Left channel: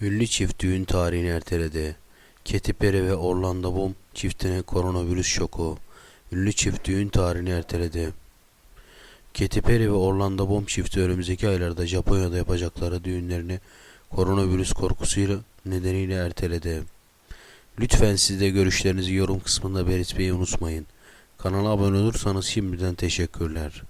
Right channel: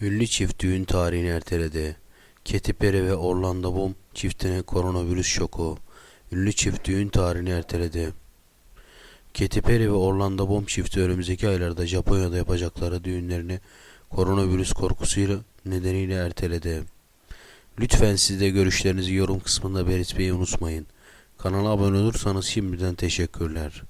Ünlü çift düğün tarihini erteledi. Katy Perry ve Orlando Bloom çiftine koronavirüs şoku. Ünlü çift düğün tarihini erteledi. Katy Perry ve Orlando Bloom çifti önümüzdeki aylarda Japonya'da yapacakları düğünlerini koronavirüs korkusuyla nedeniyle erteledi. Lütfen siz de görüşlerinizi yorum kısmında belirtmeyi unutmayın. Kanala abone olursanız şimdiden teşekkürler.